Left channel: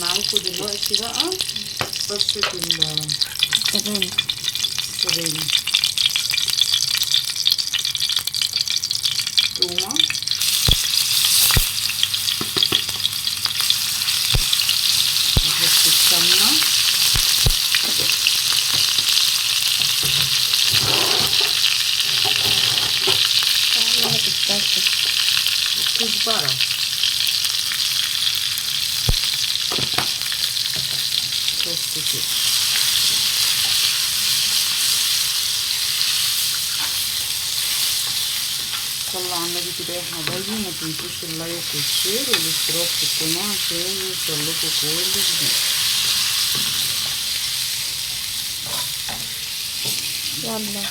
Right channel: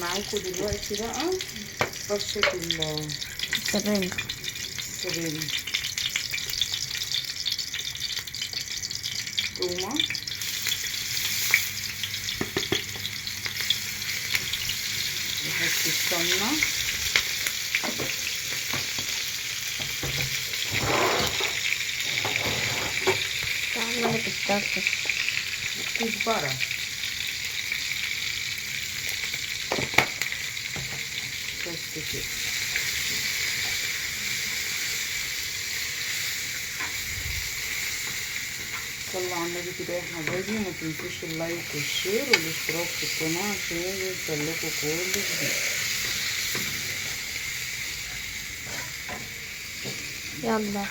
معاكم دلوقتي بقى فرشة السبانخ. تومة، نحط السمنة، تعمل الكسكس والكزبرة، بس كده. صلوا على النبي كده يا حبايبي، وما تنسوش اللايك والشير والاشتراك في القناة عشان يوصلكوا كل جديد. يلا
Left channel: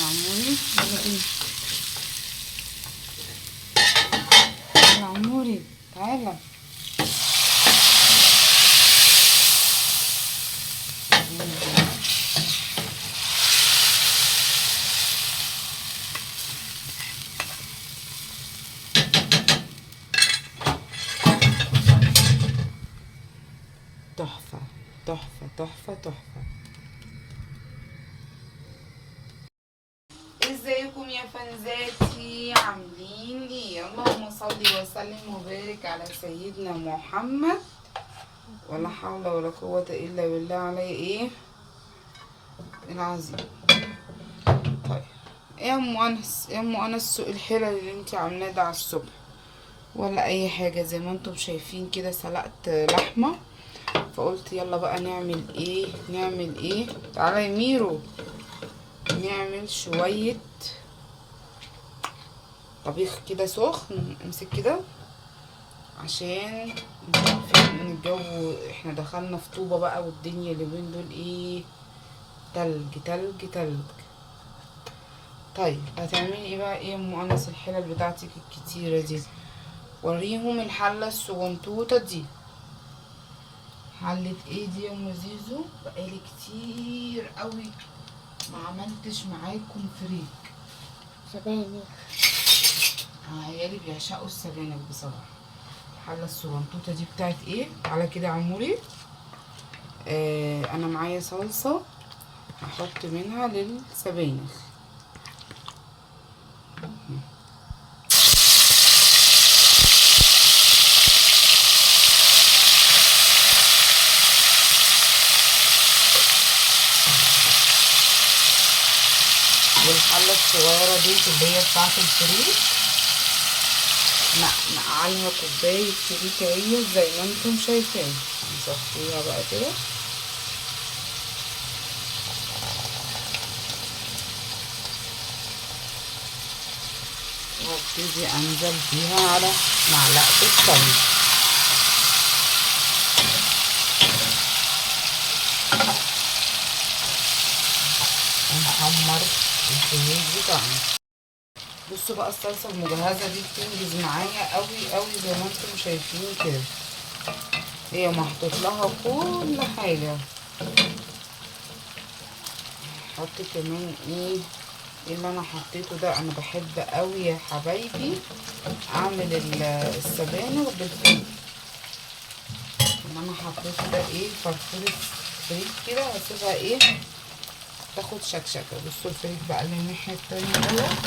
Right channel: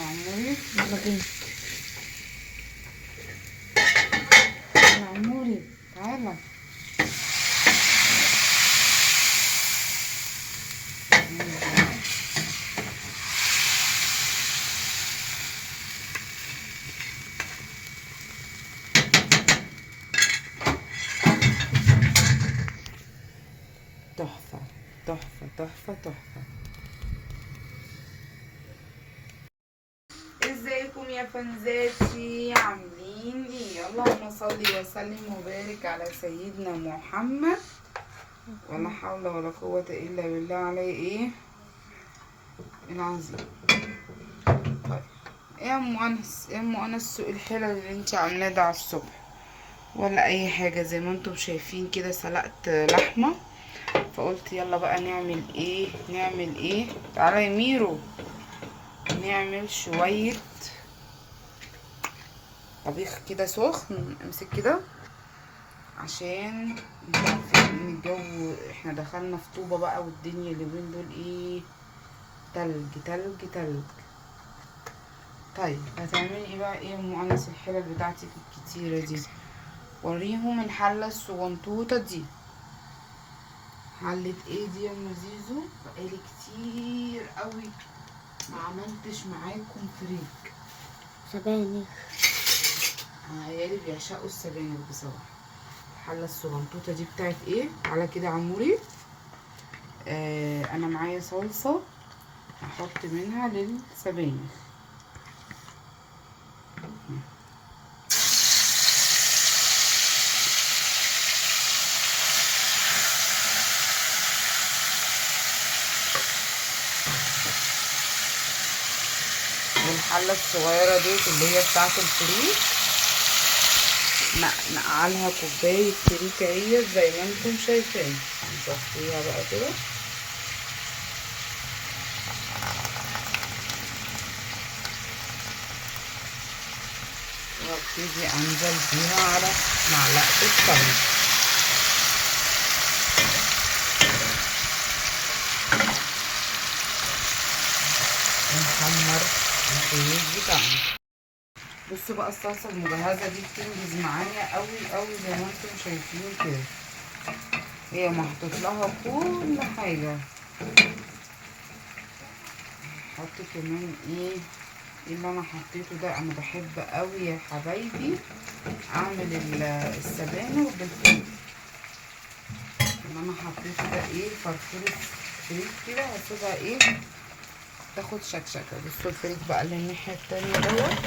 عموري، يلا بينا. عموري تعالى. تحفة تحفة تحفة تحفة. ازيكم يا فنزاتي، عاملين ايه؟ اللهم صل وسلم وبارك على سيدنا محمد، ولا حول ولا قوة الا بالله عليه ايه العظيم. طيب يا ام انس، يا ام انس، سوق الحلل اللي انت عاملاه ده على الصبح ولا اي حاجة؟ زي ما انتم شايفين كده سلقت لحمة، فقلت يلا بقى نعمل ايه. تعالى يا ميرو، نعمل شوية طبيخ كده سخن. امسك كده عشان انتوا عارفين ان الجو احنا دخلنا في طوبة بقى، والدنيا اليومين دول ايه، تلج تلج تلج. طيب هتعملي ايه بقى؟ ايه يا ام انس الحلل بتاعتك الكتيرة دي؟ وريهم الحلة الصغنطوطة دي. حلة ايه دي يا ام زيزو؟ بقالي كتير قوي ما عملتش معاكم فريك. سبانخ. عيالي بيعشقوا السبانخ بصراحة. الحلة الصغنطوطة دي بتاعت ايه؟ على كده عموري. انا معايا صلصة هحط منها للسبانخ. والحلة الصغيرة دي اللي هي بتاعت الفريك نقعلها كوباية فريك اهي زي ما انتم شايفين. نصفيها بقى كده. وابتدي انزل بيها على معلقة السمنة. ونحمر الفريك بتاعنا. بصوا بقى الصلصة المجهزة دي بتنجز معايا قوي قوي زي ما انتم شايفين كده. هي محطوط لها كل حاجة. حط كمان ايه اللي انا حطيته ده. انا بحب قوي يا حبايبي اعمل السبانخ بالفريك. اللي انا حطيته ده ايه، فرفورة فريك كده، هسيبها ايه تاخد شكشكة. بصوا الفريك بقى اللي الناحية التانية دوت،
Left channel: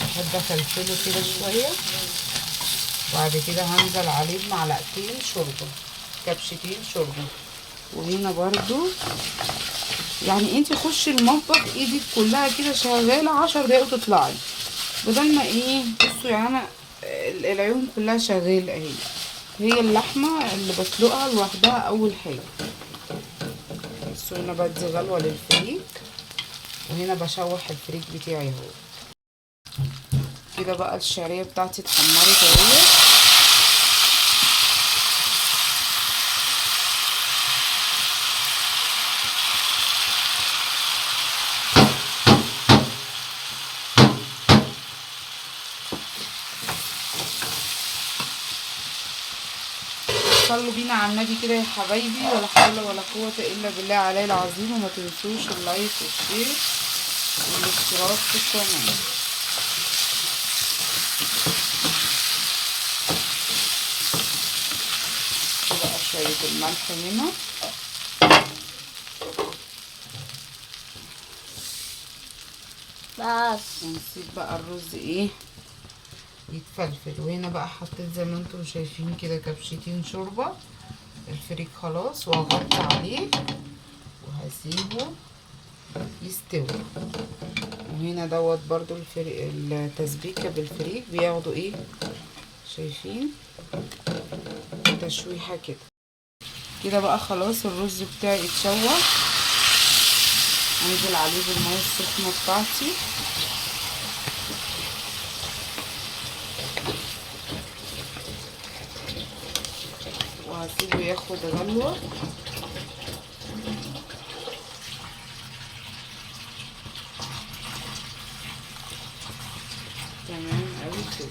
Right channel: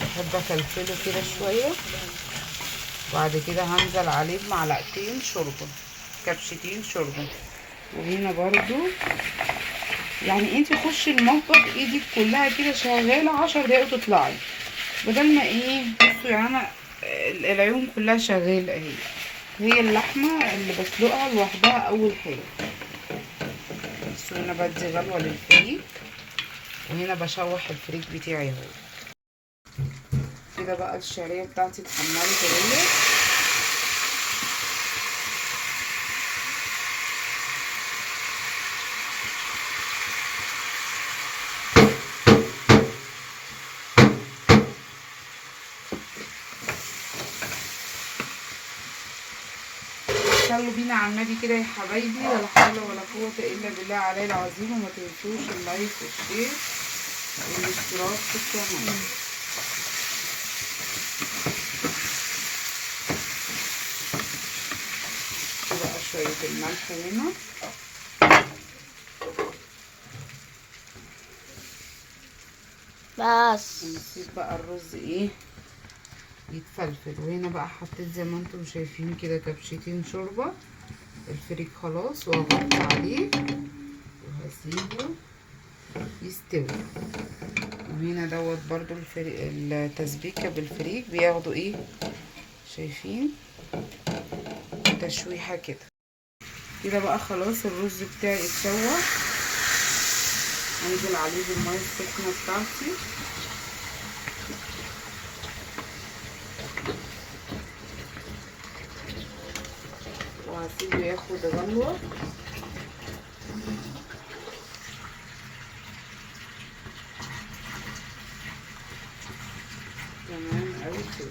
بحب افلفله كده شوية. وبعد كده هنزل عليه بمعلقتين شوربة، كبشتين شوربة. وهنا برضو يعني انتي خشي المطبخ ايدك كلها كده شغالة 10 دقايق وتطلعي، بدل ما ايه. بصوا يعني انا العيون كلها شغالة اهي. هي اللحمة اللي بسلقها لوحدها اول حاجة. بصوا هنا بدي غلوة للفريك، وهنا بشوح الفريك بتاعي اهو كده. بقى الشعرية بتاعتي اتحمرت اهي. صلوا بينا على النبي كده يا حبايبي، ولا حول ولا قوة الا بالله علي العظيم. وما تنسوش اللايك والشير والاشتراك في القناة. شوية الملح هنا، بس ونسيب بقى الرز ايه يتفلفل. وهنا بقى حطيت زي ما انتم شايفين كده كبشتين شوربة. الفريك خلاص، وهغطي عليه وهسيبه يستوي. وهنا دوت برضو التسبيكة بالفريك بياخدوا ايه، شايفين تشويحة كده. كده بقى خلاص الرز بتاعي اتشوح. انزل عليه بالمية السخنة بتاعتي، وهسيبه ياخد غلوة. تمام اوي كده.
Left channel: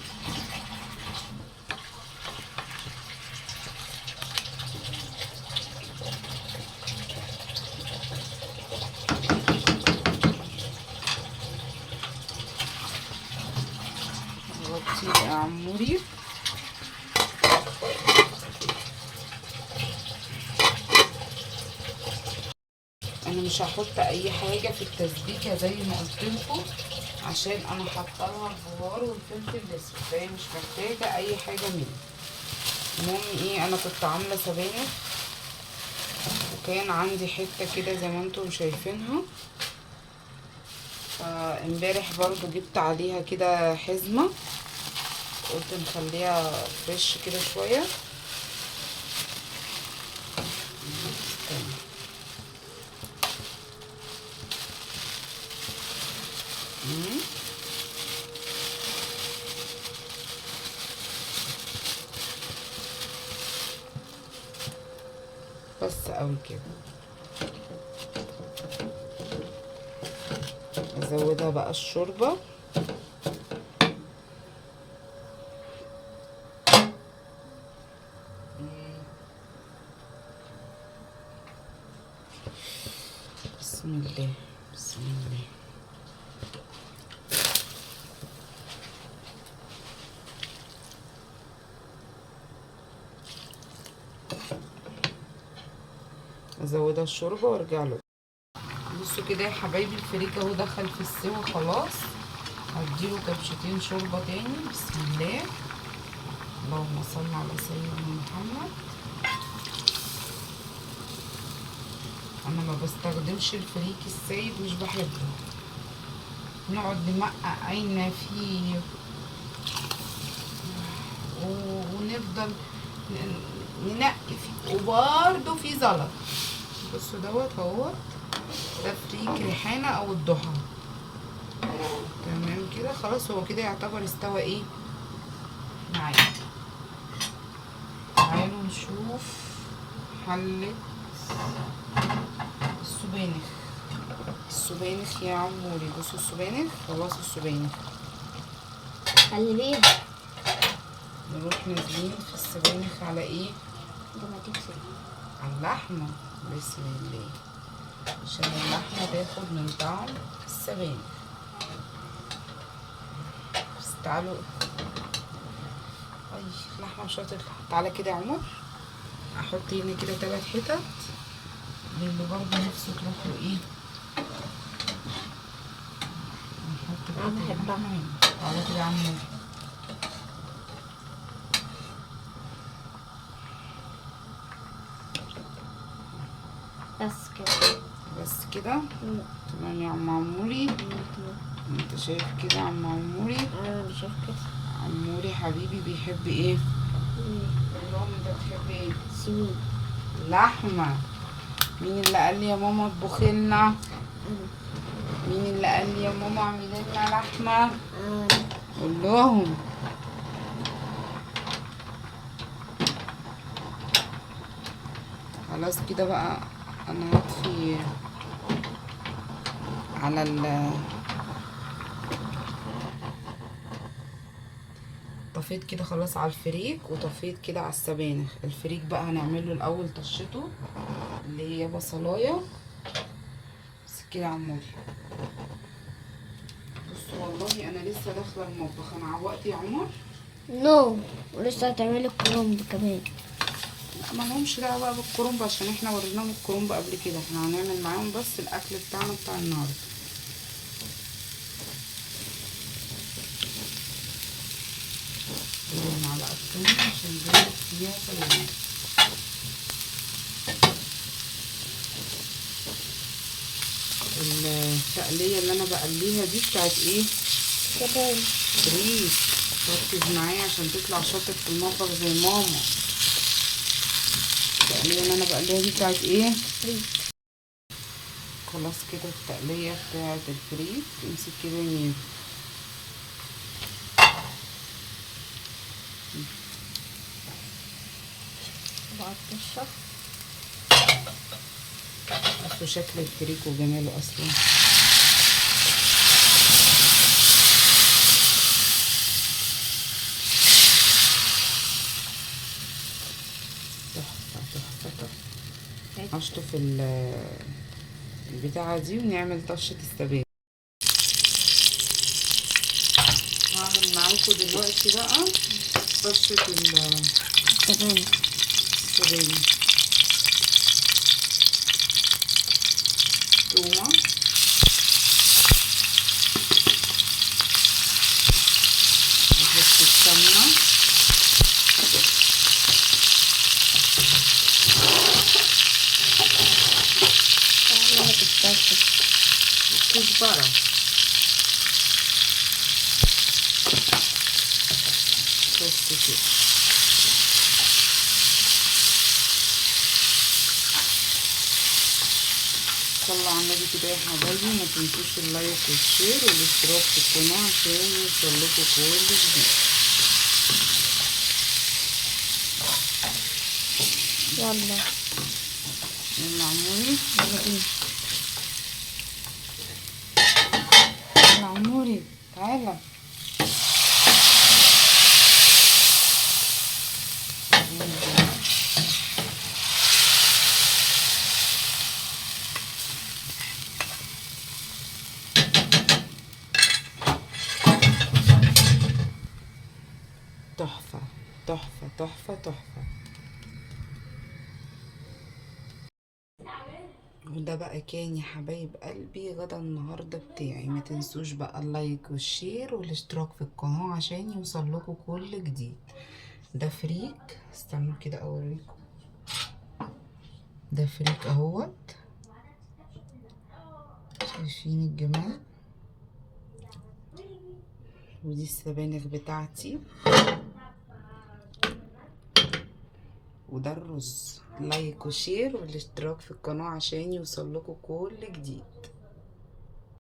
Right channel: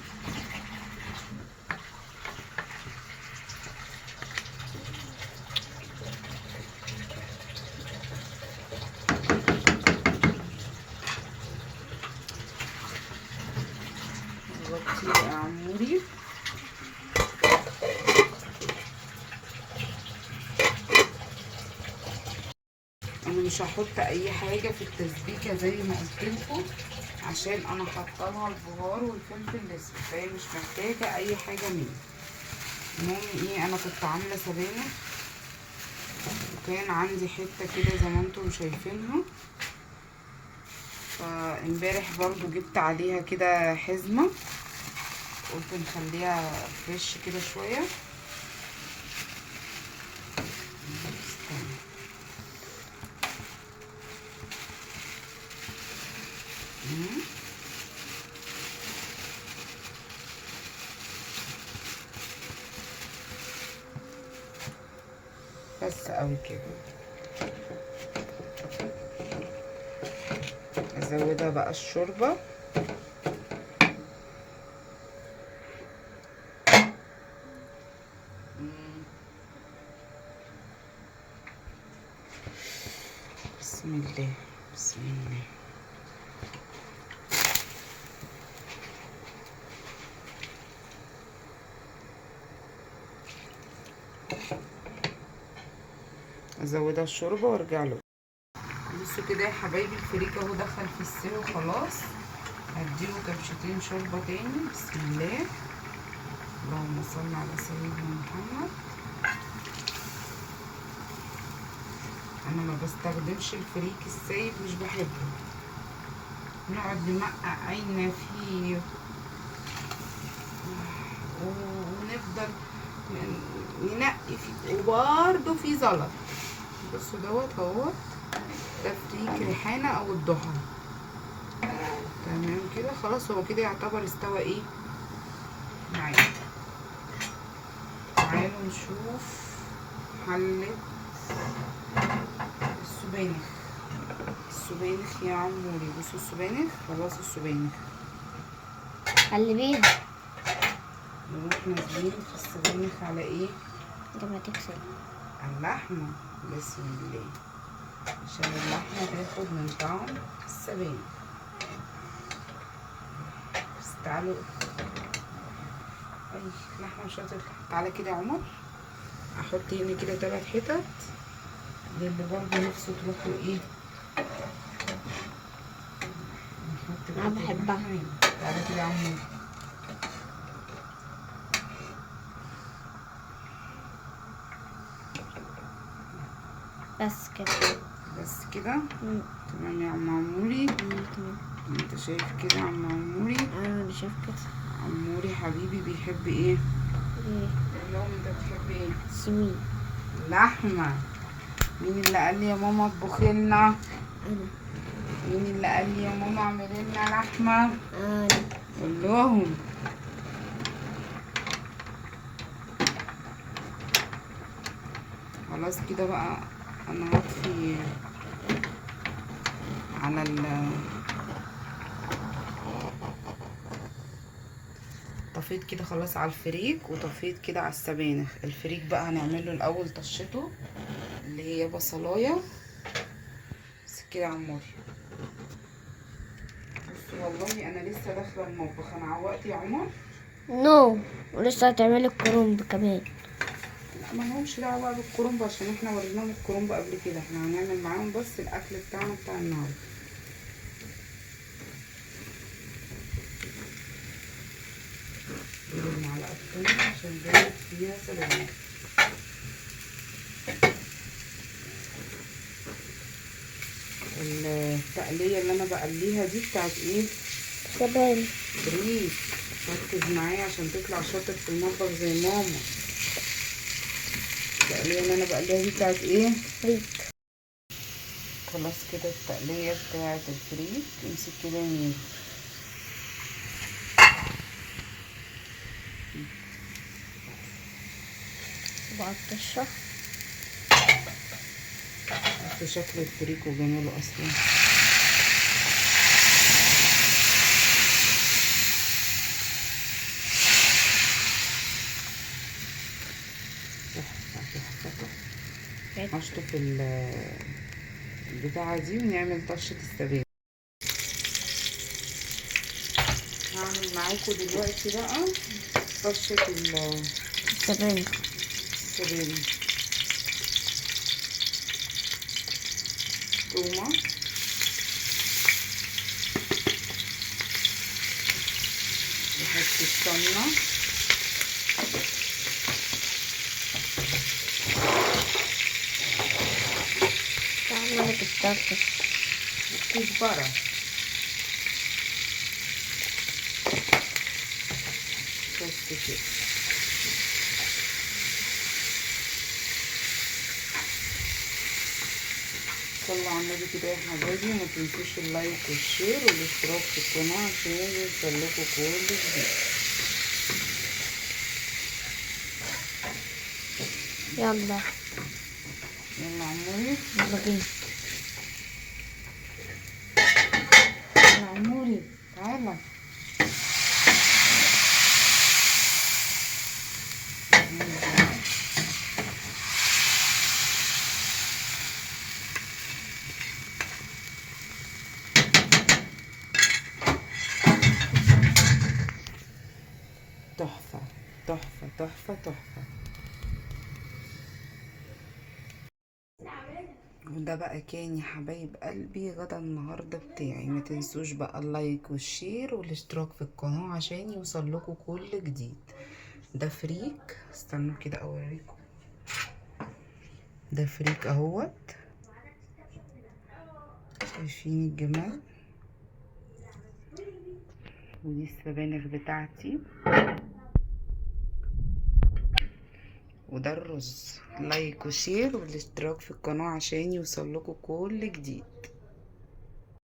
غطي يا عموري. انا مش هحط اي حاجه في التسبيكه زي ما قلت لكم، عشان انا حاطه لها البهار والفلفل الاسود، فهي مش محتاجه اي حاجه مني. المهم ايه، انا كنت عامله سبانخ وكان عندي حته كده زي ما انتم شايفينها، فامبارح برضو جبت عليها كده حزمه، قلت نخليها فريش كده شويه. استنى. بس قوي كده. ازودها بقى الشوربه. بسم الله بسم الله. ازودها الشوربه وارجع له. بصوا كده يا حبايبي، الفريك اهو دخل في السوا خلاص. هديله كبشتين شوربه تاني. بسم الله، اللهم صل على سيدنا محمد. انا ما بستخدمش الفريك السايب، مش بحبه. نقعد نمقعينا فيه ونفضل ننقي فيه، وبرده في زلط. بصوا دوت اهوت، ده فريك ريحانه او الضحى. تمام كده خلاص، هو كده يعتبر استوى ايه معايا. تعالوا نشوف حلة السبانخ. السبانخ يا عموري، بصوا السبانخ خلاص. السبانخ خلي بيها. نروح نازلين في السبانخ على ايه؟ لما تكسر على اللحمة. بسم الله، عشان اللحمة تاخد من طعم السبانخ. بس تعالوا، اي اللحمة مش هتطلع. تعالى كده يا عمر، احط هنا كده 3 حتت للي برضه نفسه تروح له ايه. انا بحبها. تعالى كده يا عمر. بس كده. بس كده تمام يا عم عموري. انت شايف كده يا عم عموري؟ انا شايف كده. عموري حبيبي بيحب ايه؟ قول لهم انت بتحب ايه؟ سمين. لحمه. مين اللي قال لي يا ماما اطبخي لنا؟ مين اللي قال لي يا ماما اعملي لنا لحمه؟ قول لهم. خلاص كده بقى، انا هطفي على طفيت كده خلاص على الفريك، وطفيت كده على السبانخ. الفريك بقى هنعمله الاول طشته اللي هي بصلايه. بس كده يا عموري. بصوا والله انا لسه داخله المطبخ. انا عوقت يا عمر. نو، ولسه هتعملي الكرنب كمان. ما لهمش دعوه بقى بالكرنب عشان احنا وريناهم الكرنب قبل كده. احنا هنعمل معاهم بس الاكل بتاعنا بتاع النهارده. معلقه كمان عشان زودت فيها سلامات. التقليه اللي انا بقليها دي بتاعت ايه؟ كمان فريك. ركز معايا عشان تطلع شاطر في المطبخ زي ماما. التقليه اللي انا بقليها دي بتاعت ايه؟ فريك. خلاص كده التقليه بتاعت الفريك. امسك كده يمين. بقطشها. بصوا شكل الفريك وجماله اصلا. تحفه تحفه تحفه. هشطف البتاعه دي ونعمل طشه السبانخ. هعمل معاكم دلوقتي بقى طشه كمان السبانخ. تومه، وحته سمنه، تعمل الطشة. وكزبره. بس كده. صلوا على النبي كده يا حبايبي. ما تنسوش اللايك والشير والاشتراك في القناه عشان يوصلكوا كل جديد. يلا يلا عموري. يلا بينا. يلا عموري تعالى. تحفة تحفة تحفة تحفة. وده بقى كان يا حبايب قلبي غدا النهاردة بتاعي. ما تنسوش بقى اللايك والشير والاشتراك في القناة عشان يوصلكوا كل جديد. ده فريك. استنوا كده اوريكم. ده فريك اهوت. شايفين الجمال. ودي السبانخ بتاعتي. وده الرز. لايك وشير والاشتراك في القناة عشان يوصلكوا كل جديد.